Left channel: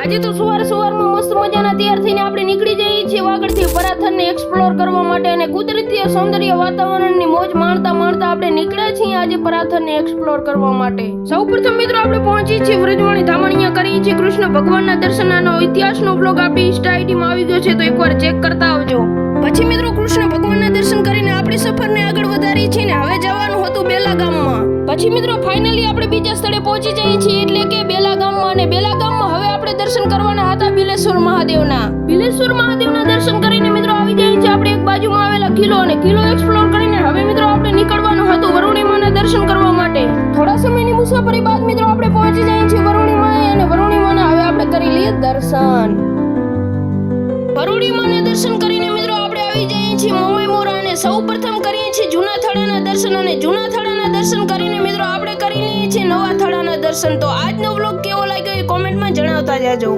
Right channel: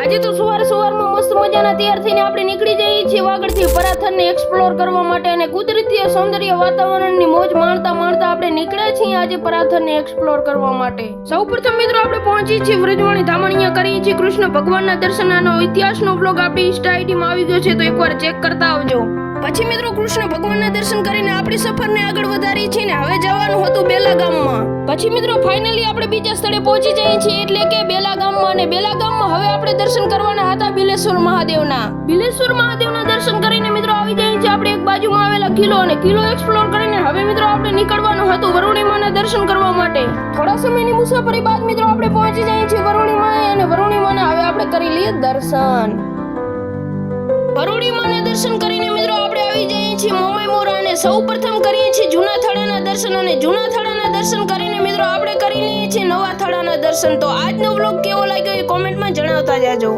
આજે તો સવારમાં મસ્ત મજાના તૈયાર થઈને આપણે નીકળી જઈએ છીએ વાગડથી પરાથરને એક્સપ્લોર કરવા માટે અને કુદરતી સૌંદર્ય વાતાવરણની મોજ માણતા આપણે નીકળ્યા છીએ આજે પરાથરને એક્સપ્લોર કરવા માટે. સૌપ્રથમ મિત્રો આપણે પહોંચી છીએ વ્રજવાણી ધામ. અહીંયા કરીએ છીએ કૃષ્ણ ભગવાનના દર્શનનો ઇતિહાસનો બ્લોગ આપણી ઇન્સ્ટા આઈડીમાં આવી ગયો છે, તો એકવાર ચેક કરતા આવજો. પછી મિત્રો કૃષ્ણ ભગવાનના દર્શન કરીને આપણી સફરને આગળ વધારી છીએ ને હવે જવાનું હતું બેલા ગામમાં. પછી મિત્રો ફાઇનલી આપણે બીજા સ્થળે પહોંચી જઈએ છીએ, એટલે કે બેલા ગામમાં. અને બેલા ગામમાં હવે આપણે દર્શન કરવાના હતા બિલેશ્વર મહાદેવના. બિલેશ્વર મહાદેવના દર્શન કરીને મિત્રો આવી જઈએ છીએ આપણે એક બાજુમાં આવેલા કિલ્લો, અને કિલ્લો એક્સપ્લોર કરીને હવે મિત્રો આપણે નીકળવાનું હતું વરુણીમાના દર્શન કરવા માટે. થોડા સમયની મુસાફરી બાદ મિત્રો આપણે પહોંચી જઈએ છીએ વરુણીમાએ, અને વરુણીમાના હવે આપણે કરી લઈએ દર્શન. વરુણીમાના દર્શન કરીને મિત્રો આપણે આવી જઈએ છીએ મોમાઈ મોરા, અને સૌપ્રથમ કરીએ છીએ જૂના થડાના દર્શન. અને જૂના થડાના દર્શન કરીને મિત્રો આપણે કરી લઈએ છીએ નવા થડાના દર્શન. તો આજનો વ્લોગ કેવો લાગ્યો એ કોમેન્ટમાં જણાવતા જાજો.